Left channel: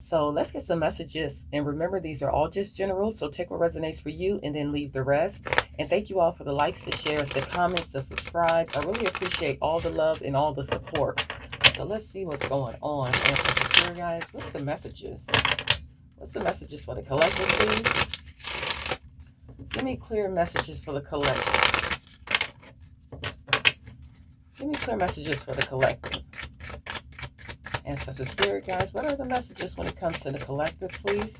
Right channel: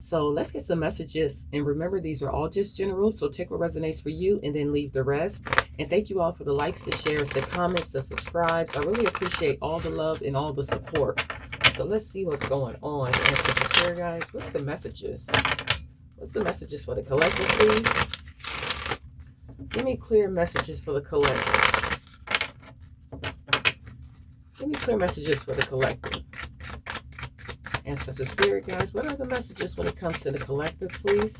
So let's get some messages. And remember, these are all just general. So take what resonates for you and then leave the rest. And thank you all for the likes, the shares, the comments, the subscribes. I really appreciate all the love and all the support. So let's see what's going on. And so here, guys, what's the messages? What's the messages for the collective, please? Give me clear messages for the collective. Give me clear messages for the collective. Ancestor Spirit, guys, what are the messages when it comes to the collective, please?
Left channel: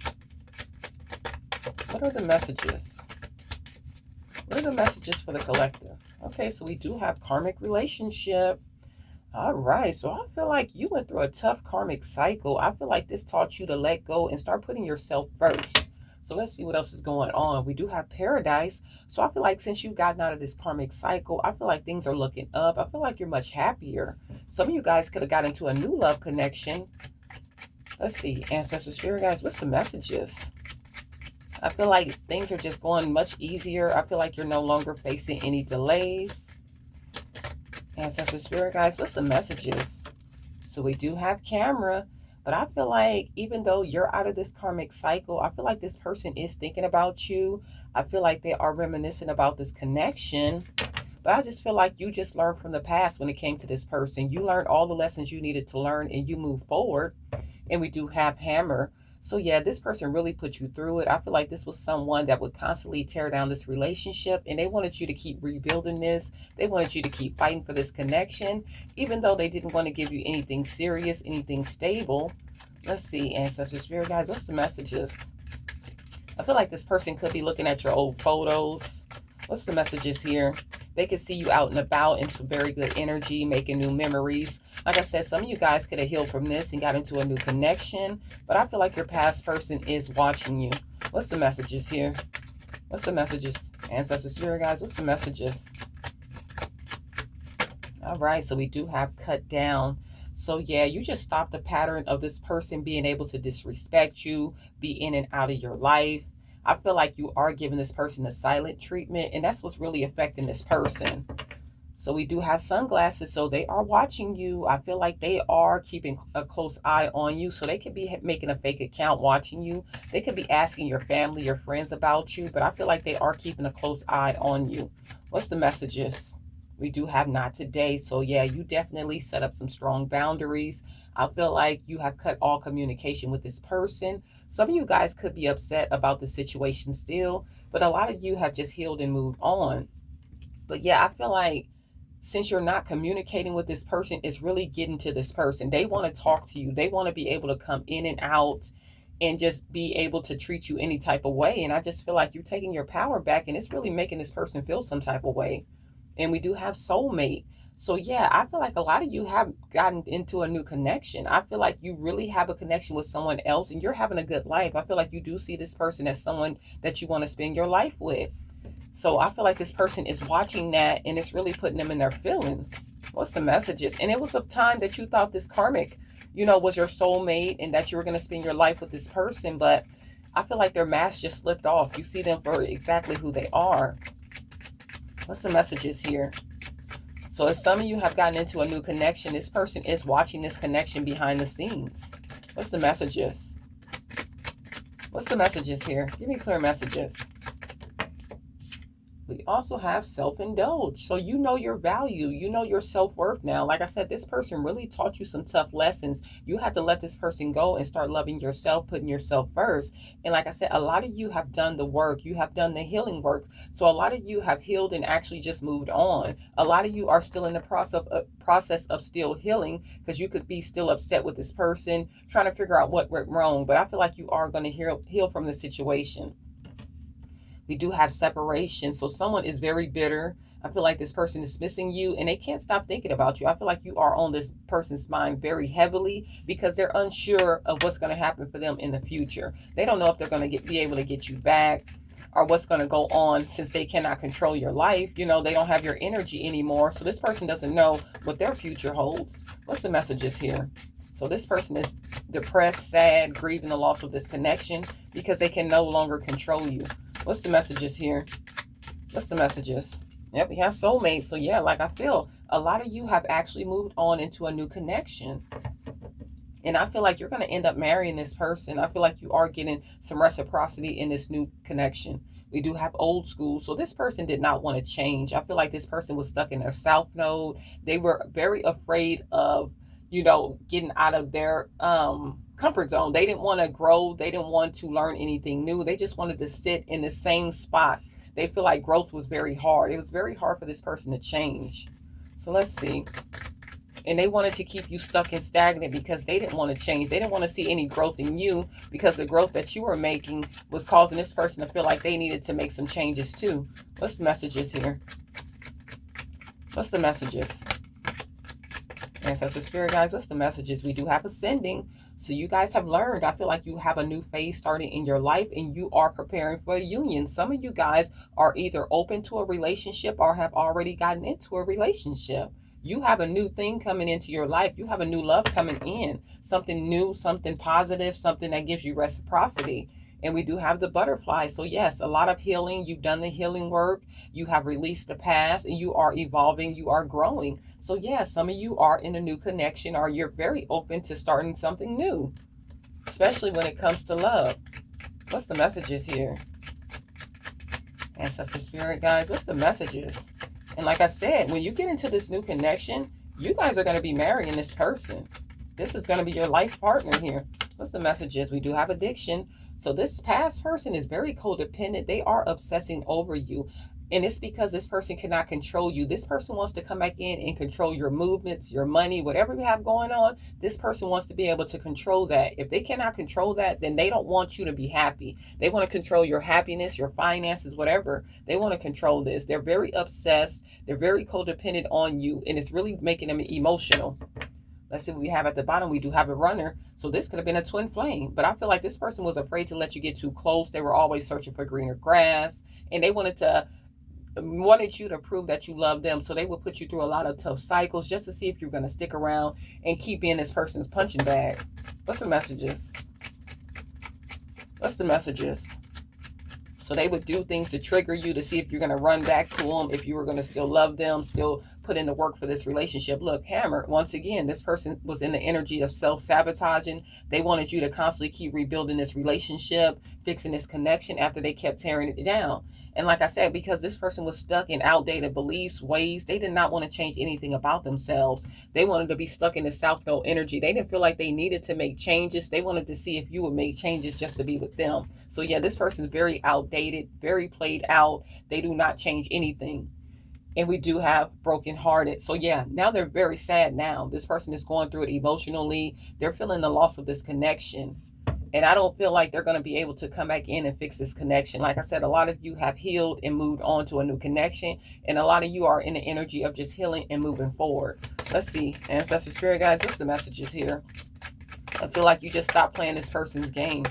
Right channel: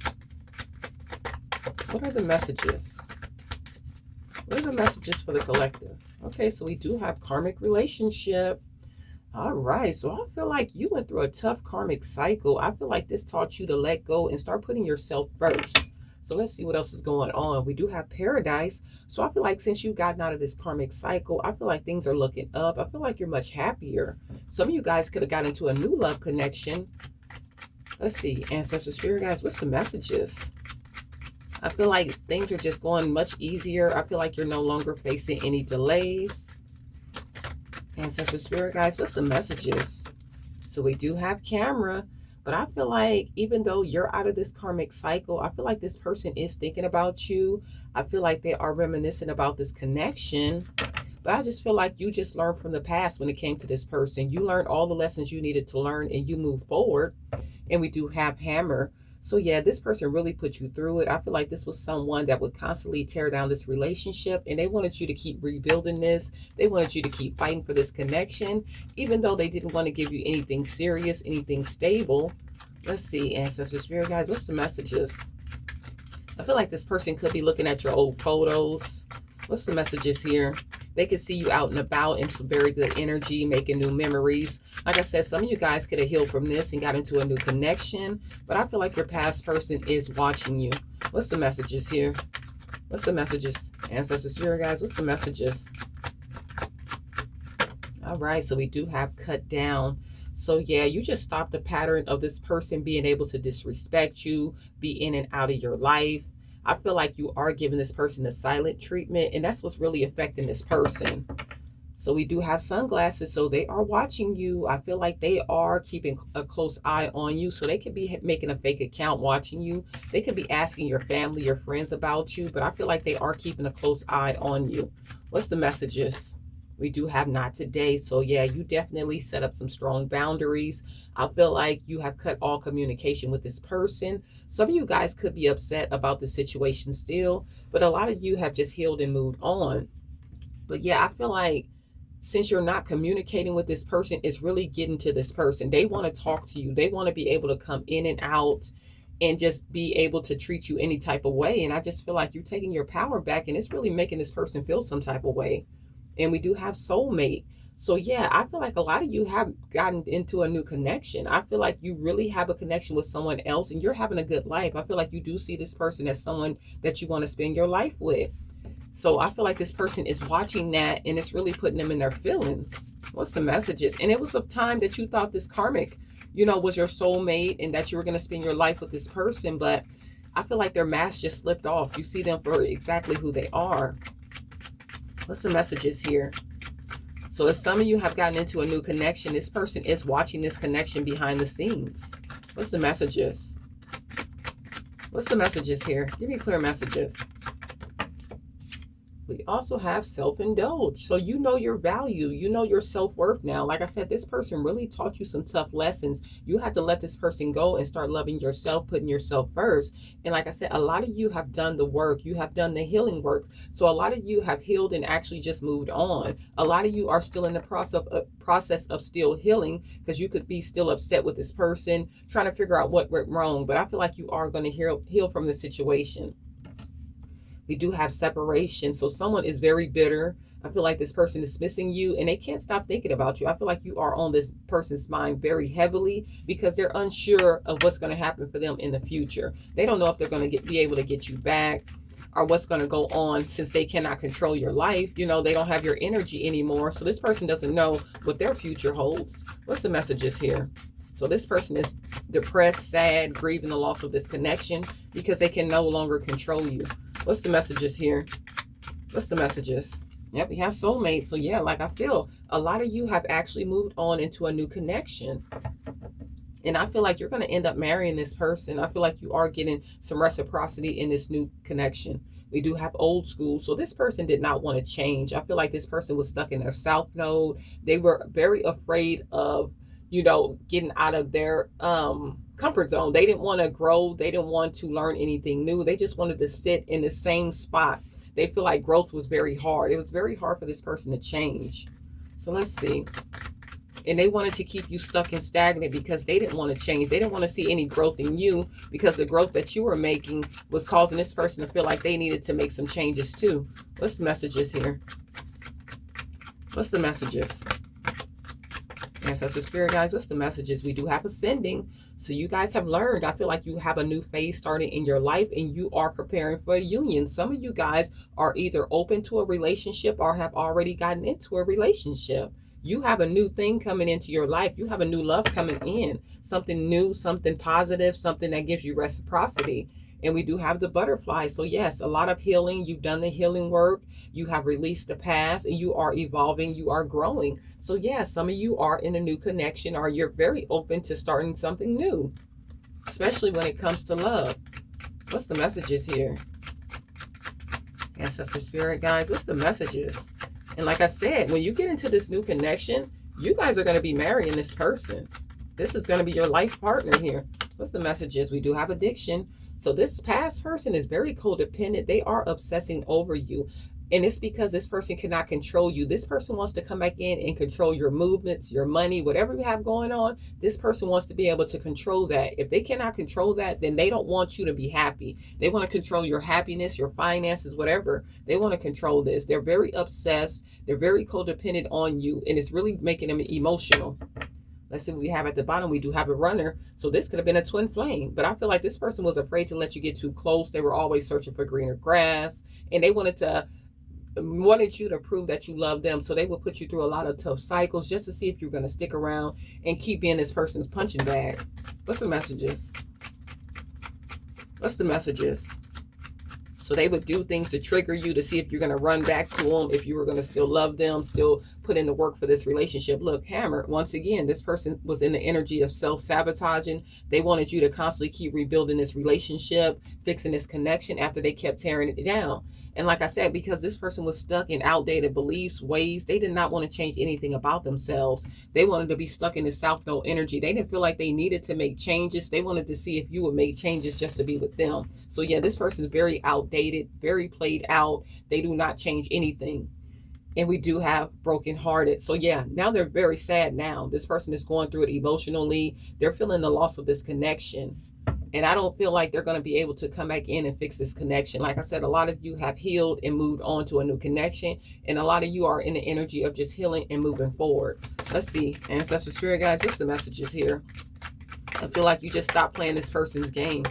What are the messages? What are the messages for the collective? Okay, so we do have karmic relationship. All right, so I feel like you went through a tough karmic cycle. I feel like this taught you to let go and start putting yourself first. So let's see what else is going on. We do have paradise. So I feel like since you've gotten out of this karmic cycle, I feel like things are looking up. I feel like you're much happier. Some of you guys could have got into a new love connection. Let's see, Ancestor Spirit, guys, what's the messages? I feel like things are just going much easier. I feel like you're no longer facing any delays. Ancestor Spirit, guys, what's the messages? So we do have camera. But I feel like even though you're out of this karmic cycle, I feel like this person is thinking about you. I feel like they are reminiscing about this connection. But I just feel like you just learned from the past when it came to this person. You learned all the lessons you needed to learn and you move forward. And we do have hammer. So yeah, this person really put you through it. I feel like this was someone that would constantly tear down this relationship, and they wanted you to keep rebuilding this. They wanted you to keep fighting for this connection, even though they didn't want to give you anything serious, anything stable. Let's see, Ancestor Spirit, guys, what's the messages? I feel like this person could be looking at your old photos. What's the messages here? They could see you out and about in some very good energy, making new memories. Like I said, some of you guys could have healed from this and got into a new connection. But I feel like your past person is watching you. What's the messages here? What's the messages? Ancestor Spirit, guys, what's the messages? All right, so we do have cut down. So yeah, you just stop the pattern of this person being able to disrespect you, be in and out of your life. I feel like you are giving this person a silent treatment, and that's what's really affecting this person. So we do have sunglasses, so they are watching you. I feel like they are keeping a close eye on you. So they could be making a fake account watching you. They could be asking your family, your friends about you, but I feel like they are keeping a close eye on you. What's the messages? We do have not today. So yeah, you definitely set up some strong boundaries. I feel like you have cut all communication with this person. Some of you guys could be upset about the situation still, but a lot of you have just healed and moved on. But yeah, I feel like since you're not communicating with this person, it's really getting to this person. They want to talk to you. They want to be able to come in and out and just be able to treat you any type of way. And I just feel like you're taking your power back, and it's really making this person feel some type of way. And we do have soulmate. So yeah, I feel like a lot of you have gotten into a new connection. I feel like you really have a connection with someone else and you're having a good life. I feel like you do see this person as someone that you want to spend your life with. So I feel like this person is watching that and it's really putting them in their feelings. What's the messages? And it was a time that you thought this karmic, was your soulmate and that you were going to spend your life with this person. But I feel like their mask just slipped off. You see them for exactly who they are. What's the messages here? So if some of you have gotten into a new connection, this person is watching this connection behind the scenes. What's the messages? What's the messages here? Give me clear messages. We also have self-indulge. So you know your value. You know your self-worth now. Like I said, this person really taught you some tough lessons. You have to let this person go and start loving yourself, putting yourself first. And like I said, a lot of you have done the work. You have done the healing work. So a lot of you have healed and actually just moved on. A lot of you are still in the process of still healing, because you could be still upset with this person, trying to figure out what went wrong. But I feel like you are going to heal from the situation. We do have separation. So someone is very bitter. I feel like this person is missing you and they can't stop thinking about you. I feel like you are on this person's mind very heavily because they're unsure of what's going to happen for them in the future. They don't know if they're going to be able to get you back or what's going to go on, since they cannot control your life. They don't have your energy anymore. So this person doesn't know what their future holds. What's the messages here? So this person is depressed, sad, grieving the loss of this connection because they can no longer control you. What's the messages here? What's the messages? Yep, we have soulmates. So yeah, like I feel a lot of you have actually moved on into a new connection. And I feel like you're going to end up marrying this person. I feel like you are getting some reciprocity in this new connection. We do have old school. So this person did not want to change. I feel like this person was stuck in their south node. They were very afraid of, you know, getting out of their comfort zone. They didn't want to grow. They didn't want to learn anything new. They just wanted to sit in the same spot. They feel like growth was very hard. It was very hard for this person to change. So let's see. And they wanted to keep you stuck and stagnant because they didn't want to change. They didn't want to see any growth in you because the growth that you were making was causing this person to feel like they needed to make some changes too. What's the messages here? What's the messages? Ancestor Spirit guys, what's the messages? We do have ascending. So you guys have learned. I feel like you have a new phase starting in your life and you are preparing for a union. Some of you guys are either open to a relationship or have already gotten into a relationship. You have a new thing coming into your life. You have a new love coming in. Something new, something positive, something that gives you reciprocity. And we do have the butterfly. So yes, a lot of healing. You've done the healing work. You have released the past and you are evolving. You are growing. So yes, some of you are in a new connection or you're very open to starting something new, especially when it comes to love. What's the messages here? Ancestor Spirit guys, what's the messages? And like I said, when you get into this new connection, you guys are going to be marrying this person. This is going to be your life partner here. What's the messages? We do have addiction. So this past person is very codependent. They are obsessing over you. And it's because this person cannot control you. This person wants to come back in and control your movements, your money, whatever you have going on. This person wants to be able to control that. If they cannot control that, then they don't want you to be happy. They want to control your happiness, your finances, whatever. They want to control this. They're very obsessed. They're very codependent on you. And it's really making them emotional. Let's see what we have at the bottom. We do have a runner. So this could have been a twin flame. But I feel like this person was afraid to let you get too close. They were always searching for greener grass. And they wanted you to prove that you love them. So they would put you through a lot of tough cycles just to see if you're going to stick around and keep being this person's punching bag. What's the messages? What's the messages? So they would do things to trigger you to see if you're going to run back to them, if you were going to still love them, still put in the work for this relationship. Look, Hammer, once again, this person was in the energy of self-sabotaging. They wanted you to constantly keep rebuilding this relationship, fixing this connection after they kept tearing it down. And like I said, because this person was stuck in outdated beliefs, ways, they did not want to change anything about themselves. They wanted to be stuck in the South Node energy. They didn't feel like they needed to make changes. They wanted to see if you would make changes just to be with them. So yeah, this person is very outdated, very played out. They do not change anything. And we do have brokenhearted. So yeah, now they're very sad now. This person is going through it emotionally. They're feeling the loss of this connection. And I don't feel like they're going to be able to come back in and fix this connection. Like I said, a lot of you have healed and moved on to a new connection. And a lot of you are in the energy of just healing and moving forward. Let's see. Ancestor Spirit guys, what's the messages here? I feel like you just stopped playing this person's game.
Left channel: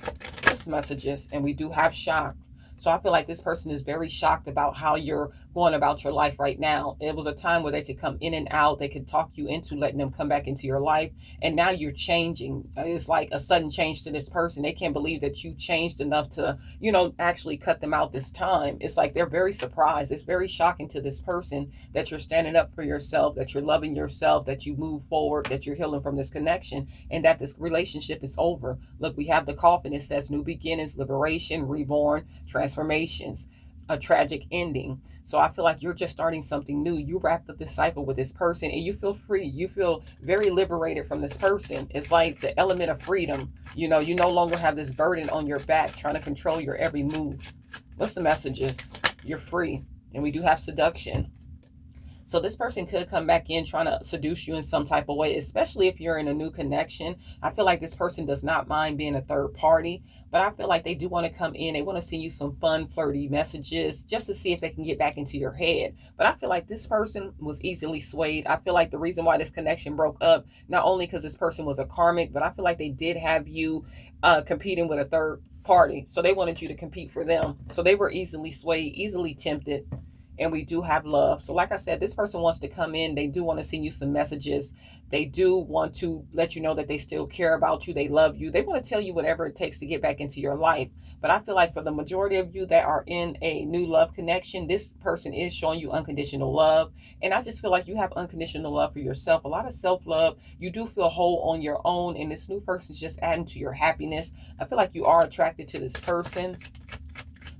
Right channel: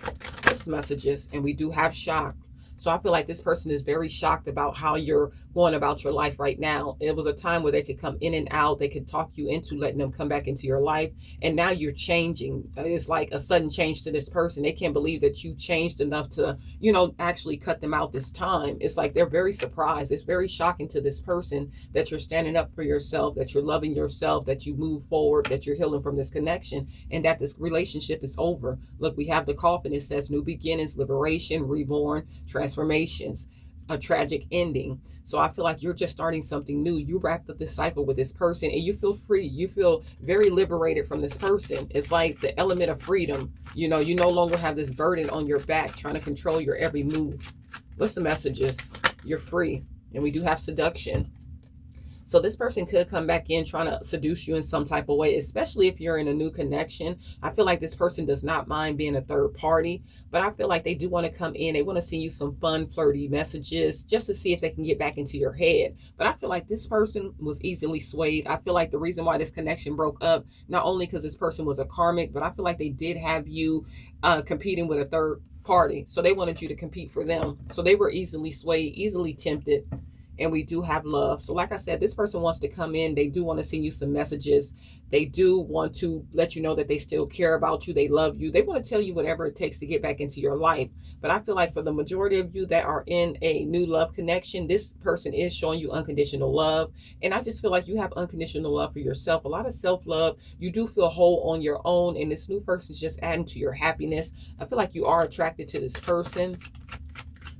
What's the messages? And we do have shock. So I feel like this person is very shocked about how you're going about your life right now. It was a time where they could come in and out. They could talk you into letting them come back into your life. And now you're changing. It's like a sudden change to this person. They can't believe that you changed enough to, you know, actually cut them out this time. It's like they're very surprised. It's very shocking to this person that you're standing up for yourself, that you're loving yourself, that you move forward, that you're healing from this connection, and that this relationship is over. Look, we have the coffin. It says new beginnings, liberation, reborn, transformations, a tragic ending. So I feel like you're just starting something new. You wrapped up this cycle with this person and you feel free. You feel very liberated from this person. It's like the element of freedom. You know, you no longer have this burden on your back trying to control your every move. What's the messages? You're free. And we do have seduction. So this person could come back in trying to seduce you in some type of way, especially if you're in a new connection. I feel like this person does not mind being a third party, but I feel like they do want to come in. They want to send you some fun, flirty messages just to see if they can get back into your head. But I feel like this person was easily swayed. I feel like the reason why this connection broke up, not only because this person was a karmic, but I feel like they did have you competing with a third party. So they wanted you to compete for them. So they were easily swayed, easily tempted. And we do have love. So like I said, this person wants to come in. They do want to send you some messages. They do want to let you know that they still care about you. They love you. They want to tell you whatever it takes to get back into your life. But I feel like for the majority of you that are in a new love connection, this person is showing you unconditional love. And I just feel like you have unconditional love for yourself. A lot of self-love. You do feel whole on your own. And this new person is just adding to your happiness. I feel like you are attracted to this person.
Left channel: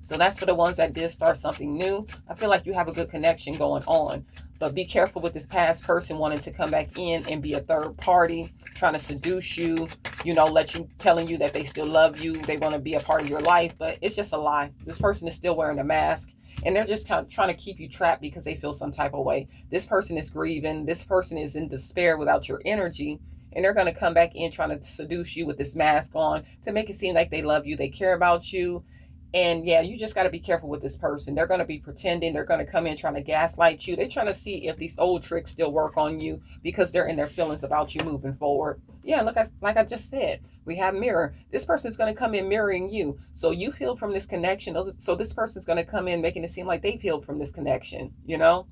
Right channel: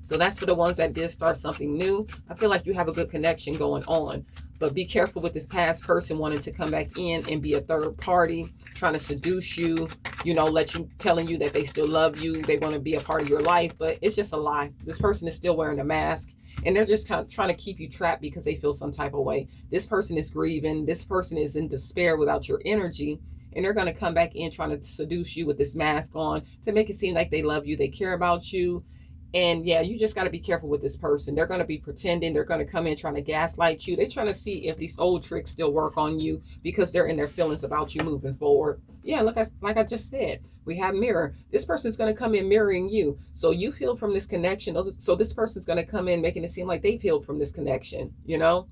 So that's for the ones that did start something new. I feel like you have a good connection going on. But be careful with this past person wanting to come back in and be a third party, trying to seduce you, you know, telling you that they still love you. They want to be a part of your life, but it's just a lie. This person is still wearing a mask, and they're just kind of trying to keep you trapped because they feel some type of way. This person is grieving. This person is in despair without your energy. And they're going to come back in trying to seduce you with this mask on to make it seem like they love you. They care about you. And yeah, you just got to be careful with this person. They're going to be pretending. They're going to come in trying to gaslight you. They're trying to see if these old tricks still work on you because they're in their feelings about you moving forward. Yeah, like I just said, we have mirror. This person is going to come in mirroring you. So you've healed from this connection. So this person is going to come in making it seem like they've healed from this connection, you know?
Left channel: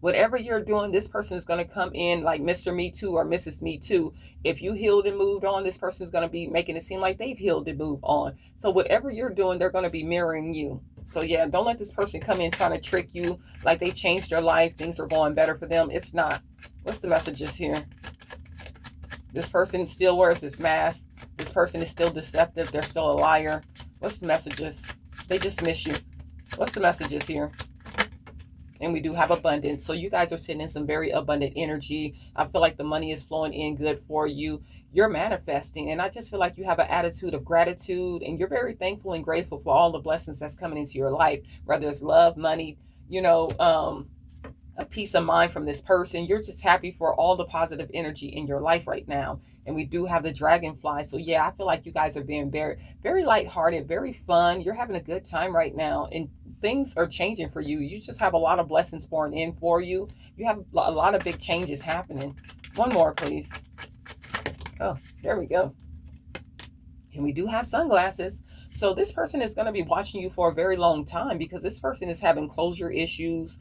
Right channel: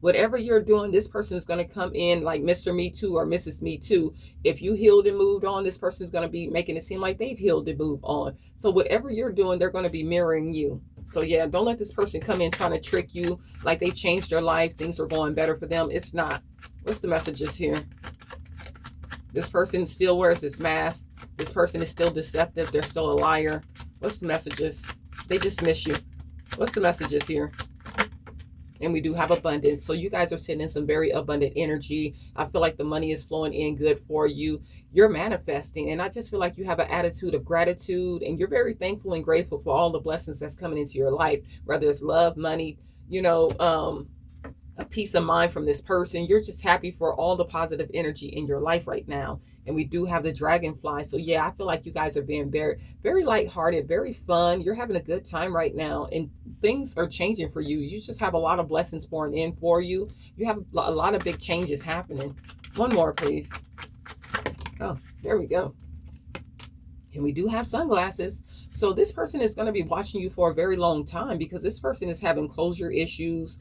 Whatever you're doing, this person is going to come in like Mr. Me Too or Mrs. Me Too. If you healed and moved on, this person is going to be making it seem like they've healed and moved on. So whatever you're doing, they're going to be mirroring you. So yeah, don't let this person come in trying to trick you like they changed their life. Things are going better for them. It's not. What's the messages here? This person still wears this mask. This person is still deceptive. They're still a liar. What's the messages? They just miss you. What's the messages here? And we do have abundance. So you guys are sitting in some very abundant energy. I feel like the money is flowing in good for you. You're manifesting. And I just feel like you have an attitude of gratitude. And you're very thankful and grateful for all the blessings that's coming into your life. Whether it's love, money, you know, a peace of mind from this person. You're just happy for all the positive energy in your life right now. And we do have the dragonfly. So yeah, I feel like you guys are being very, very lighthearted, very fun. You're having a good time right now. And things are changing for you. You just have a lot of blessings pouring in for you. You have a lot of big changes happening. One more, please. Oh, there we go. And we do have sunglasses. So this person is going to be watching you for a very long time because this person is having closure issues.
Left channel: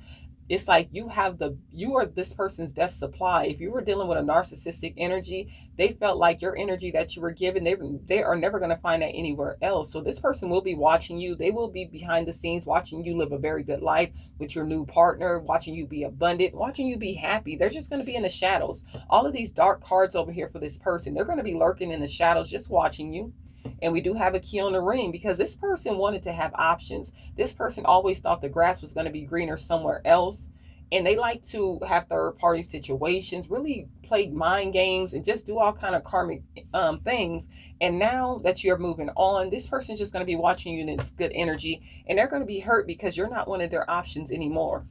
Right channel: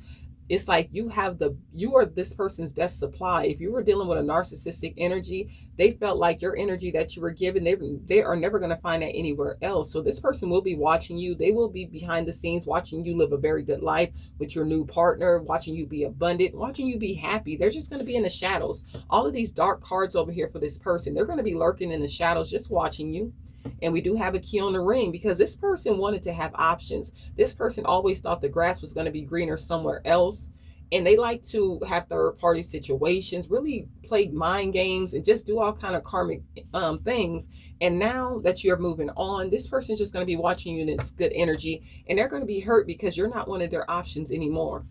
It's like you are this person's best supply. If you were dealing with a narcissistic energy, they felt like your energy that you were given, they are never going to find that anywhere else. So this person will be watching you. They will be behind the scenes watching you live a very good life with your new partner, watching you be abundant, watching you be happy. They're just going to be in the shadows. All of these dark cards over here for this person, they're going to be lurking in the shadows, just watching you. And we do have a key on the ring because this person wanted to have options. This person always thought the grass was going to be greener somewhere else. And they like to have third-party situations, really play mind games and just do all kind of karmic things. And now that you're moving on, this person's just going to be watching you in its good energy. And they're going to be hurt because you're not one of their options anymore.